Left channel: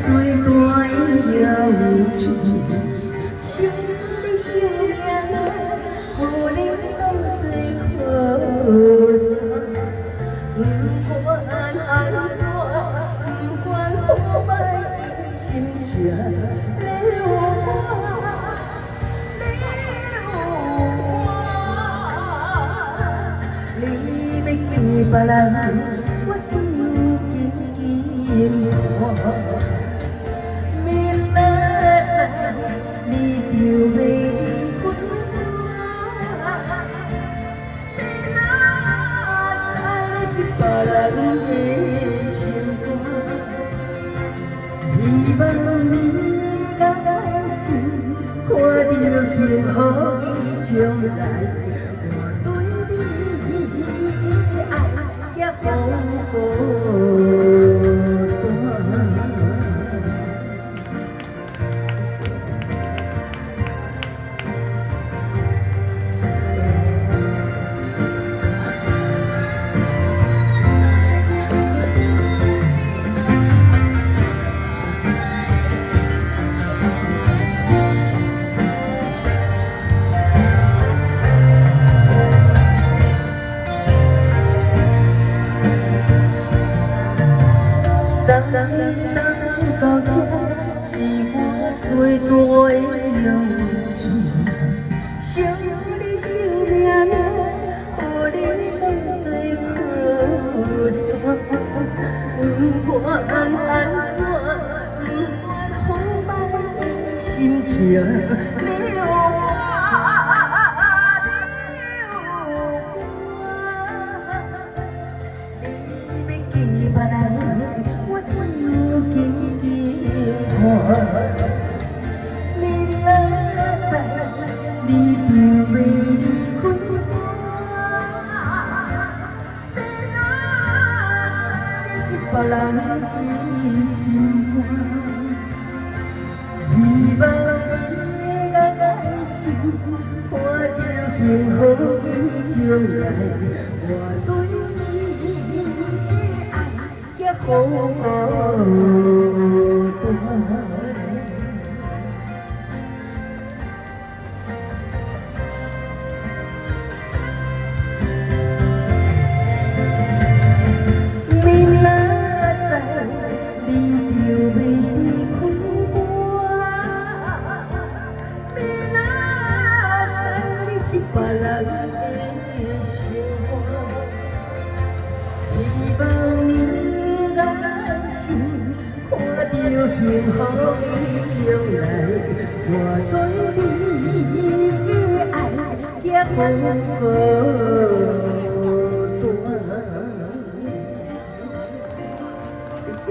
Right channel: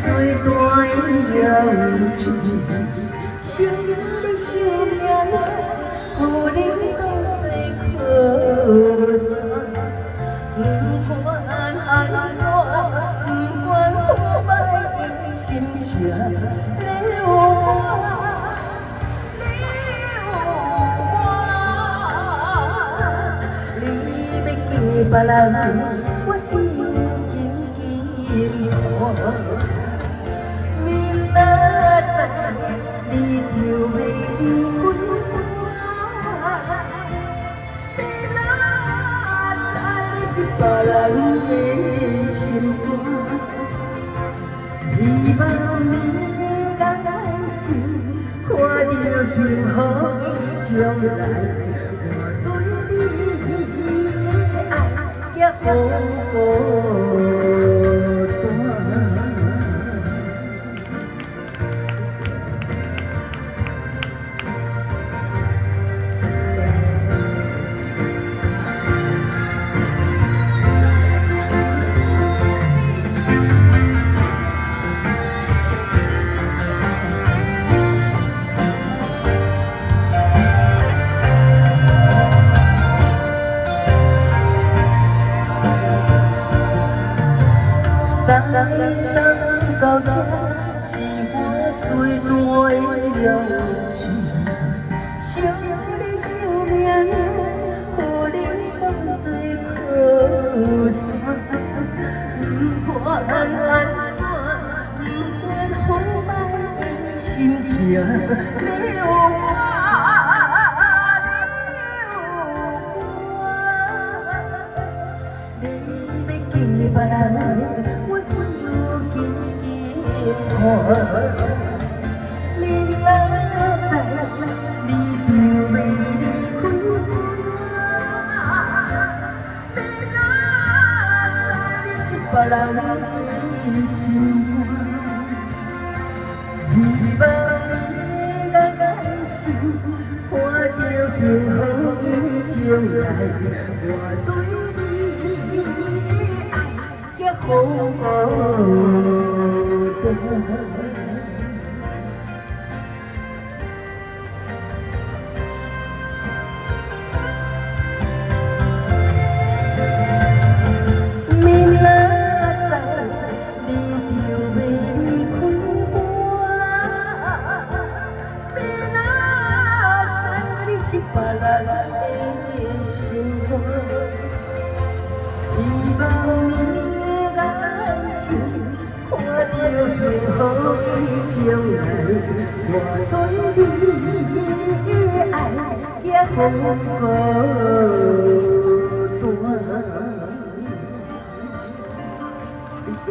最大的勇气，想你生命啊，予你讲最可惜。不管安怎，不管好歹，伊心情你有我，你有我，你要嫁别人，我只有紧紧看。明仔载你就要离开我，明仔载你是别人的心肝，希望你来时看到幸福的将来，我对你的爱也无送到这，是我最大的勇气。想你生命啊，予你当作靠山。不管安怎，不管好歹，心情你有我，你有我，你要嫁别人。明仔载你就要离开我，明仔载你是别人的心肝，希望你来时看到幸福的将来，我对你的爱也好。别人的心肝，希望你来时看到幸福的将来，我对你的爱也好大。谢谢。